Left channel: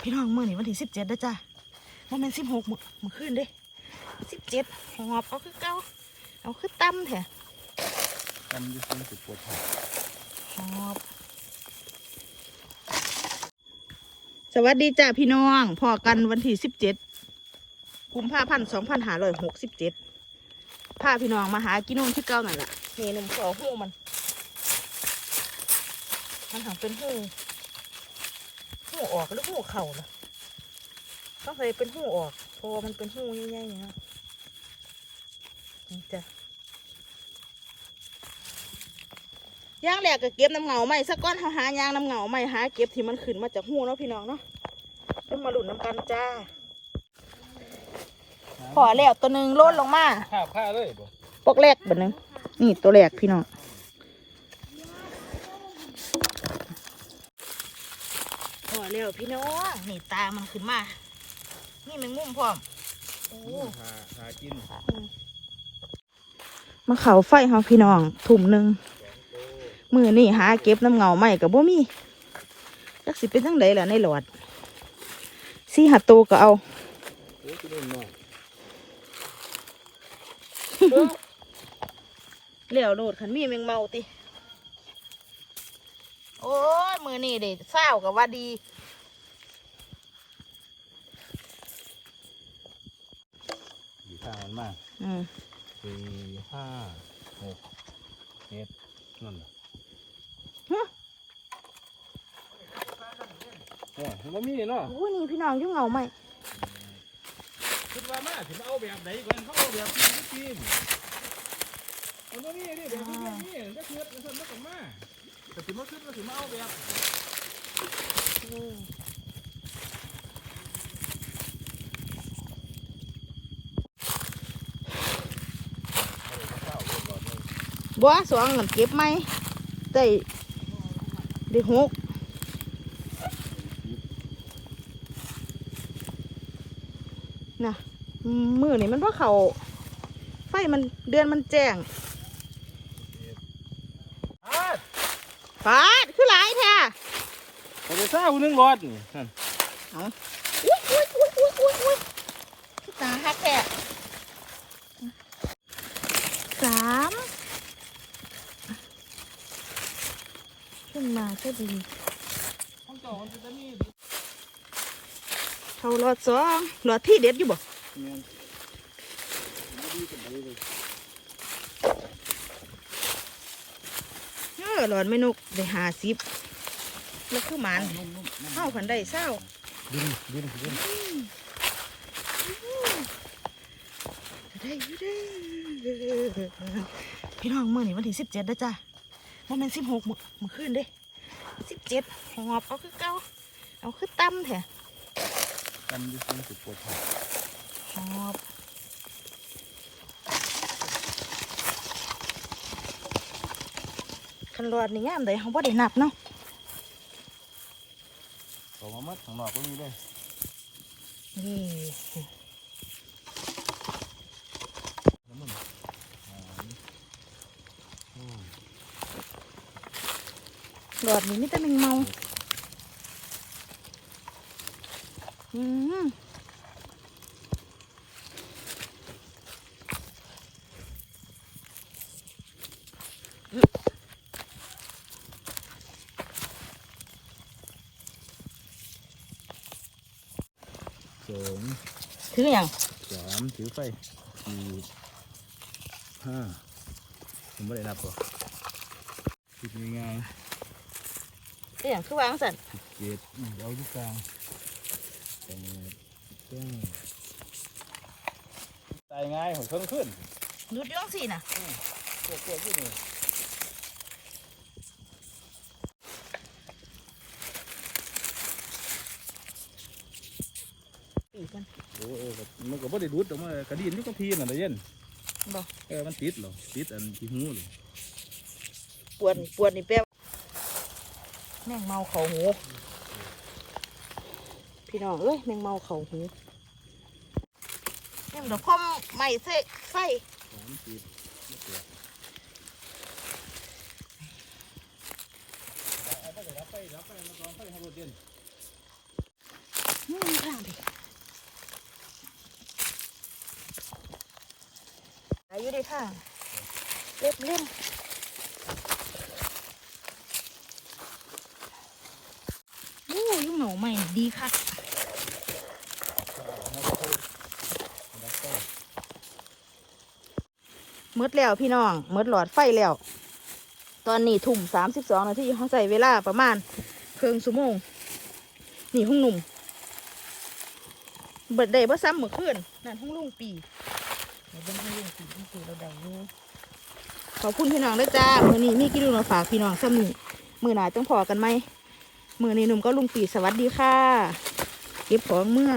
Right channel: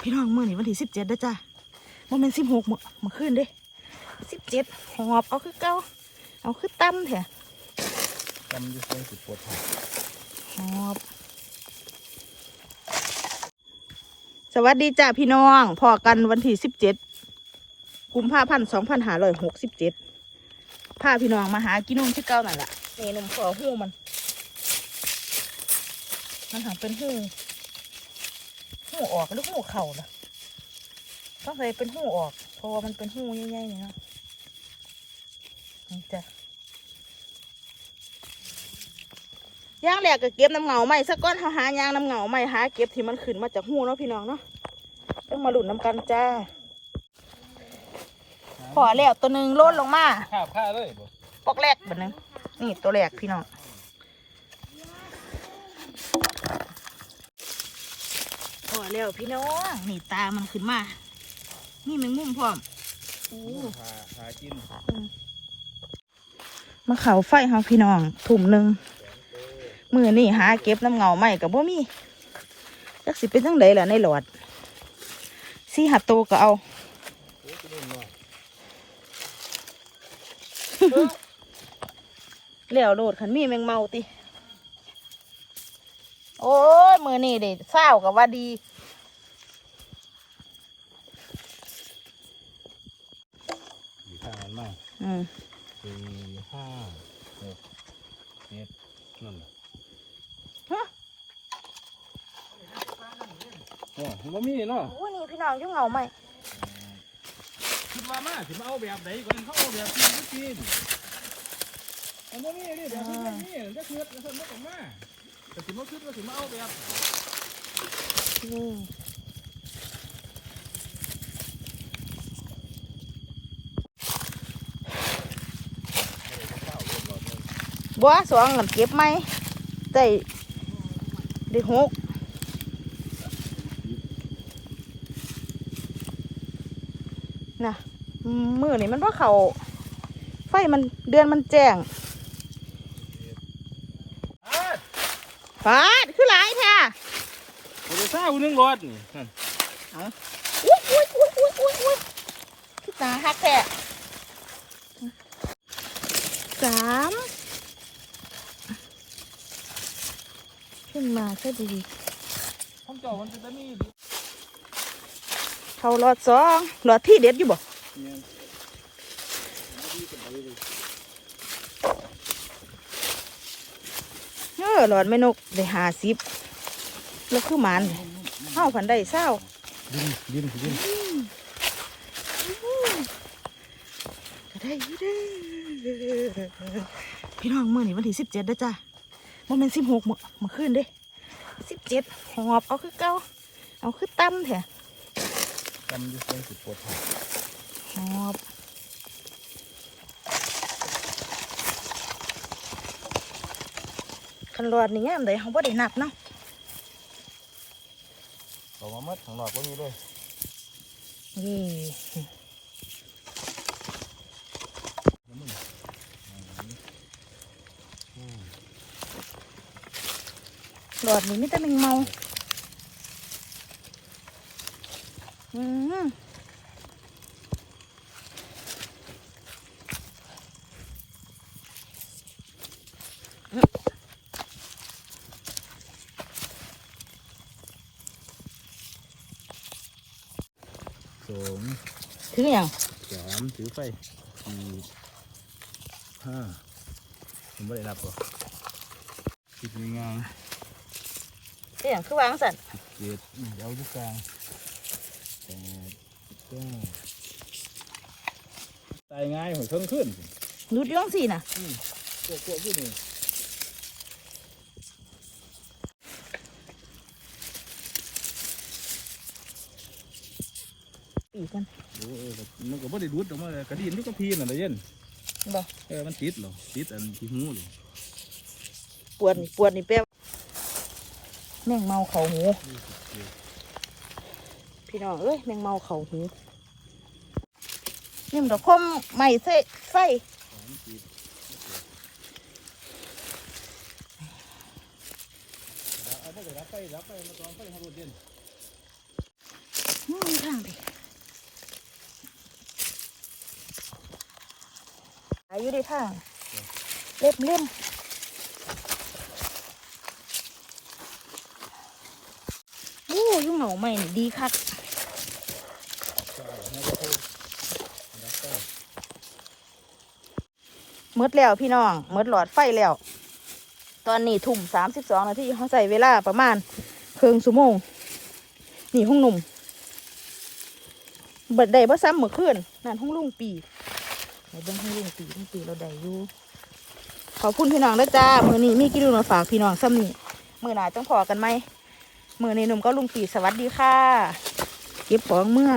พี่น้องมื่อนี้วันที่สิบเจ็ดเด้จ้ะโมเมนสิบหกมื่อมื่อคืนเด้สิบเจ็ดหอบเอาคือเก้าเอาคือตั้มแถะทำอยู่เส้สิบปวดหัวหอบสวัสดีจ้าพี่น้องพอกันวันที่สิบเจ็ดกุมภาพันธ์สองพันห้าร้อยหกสิบเจ็ดพาพี่น้องมาหากินนมที่เก้าหน่อยละหูนมขอหูมัน มันหังเป็นหู หูออกหรือหูเข่าล่ะต้องใส่เป็นหูออก เพราะว่ามันเป็นหูใหญ่ๆเนี่ยเนาะนี่จ้ะย่างแหลกก็เก็บน้ำเหงาใหม่สักก้อนเขาหายางน้ำเหงาใหม่หาเก็บที่มันขึ้นมาจากหูเนาะพี่น้องเนาะต้องมาหลุดน้ำกันจ้าพอแล้วตัวหนึ่งโลดลงมาข้าวข้าเลยบ่ปกแรกแบบนึงนี่ตัวแรกพี่น้อง อแล้วพี่น้องนี่ตามันขึ้นมา นี่แมงมุมพร้อมโอ้หาหากินมาเขาไฟครับพี่น้องถุ่มหนึ่งมือนี่หาเก็บน้ำเงาใหม่กับบุมีจักสิเป็นจังไดล่ะในหลอดสี่หัดตูก็เอาโอ้ยกินเล่นหน่อยแล้วโลดขันมีแมงเมาติ โอ้ยมือนี่เด็เศร้ากับว่าดีอยู่ข้างมันมากอืมสี่ห้าหกเจ็ดนั่นน่ะฮะโอ้ยมันมีเนาะโอ้ยนี่พี่น้องอยุ่งเงาใหม่คิดว่ามาคิดมาเอาแบบไหนก่อนเขาเอาแบบที่กินมันบ่มีนี่แบบที่มันมีก็คือมันทำมากันมา แต่ถึงมาคิดว่าถึงเอาแบบบัวสองหลังเก็บไหมได้ได้หกนะมือนี่มันว่าเขาไฟมันเดือนมันแจ้ง อ้า ฟาดคือหลายแท้ผมจะข้าวนึงรอดนี่นั่นอุ้ยอุ้ยอุ้ยอุ้ยอุ้ยอุ้ยคือตาฮักแท้สามขึ้นมาก็ดีของเก่ามันจะมีเขาหลอดสองหลอดที่เด็ดอยู่บ่ เนี่ยมันดีกันไปเลย เออหลอดไม่นกได้หาสิบแล้วคือหมันเข้าผันได้เศร้าดินดินดินก็ได้อยู่เด้อพี่น้องมื่อนี้วันที่สิบเจ็ดเด้อจ้ะโมเมนสิบหกเมื่อคืนเด้สิบเจ็ดหอบเอาคือเก้าเอาคือตั้มแท้ทำอยู่เส้นสิบปวดหัวหอบ คันหลอดนี่ยามใดเขาบ่ได้นับเนาะเอามามัดของหลอกก็มีด้วยนี่หลอดนี่มีแต่แมงเมาอืม สองถึงอย่างสามถือไฟสี่ห้าผมไม่ได้นับก่อนสิบง่ายถึงอย่างคือวางสันสิบเจ็ดอืมเอาอยู่กลางแปดเก้าตายง่ายหัวเครื่องขึ้นรุดอย้องสี่น่ะพวกพวกที่นี่ ปีกันเออเออมันก็ไม่ได้ดูดแต่มันกระดิ่งนี่ต้องพีนอะไรเย็นบ่เออมันติดเหรอติดอันที่หูเลยปวดนี่ปวดนี่แป๊บแมงเมาเขาหูพี่น้องเอ้ยแมงเมาเขาหูนี่มันก็คมไม่ใส่ไฟมันติดเอาไปรับไปรับไปรับไปให้ดูดินนู่นทางดิอายุดี ค่ะ เล็บเล่มโอ้ยุ่งหนาใหม่ดีคักหมดแล้วพี่น้องหมดหลอดไฟแล้ว ตอนนี้ทุ่มสามสิบสองนาทีเขาใส่เวลาประมาณครึ่งชั่วโมงนี่ห้องหนุ่มเบิดได้บ่ซ้ำเมื่อคืนนั่นห้องลุงปี ไหนเบิ้งห้องลุงปีลุงปีเราได้อยู่ขอบคุณพี่น้องด้วยจ้ามือนี้มีกินลูกมาฝากพี่น้องซ้ำนี่มือหนต้องพอกันไหมมือนี้หนุ่มก็ลุงปีสวัสดีค่ะเก็บของเมื่อ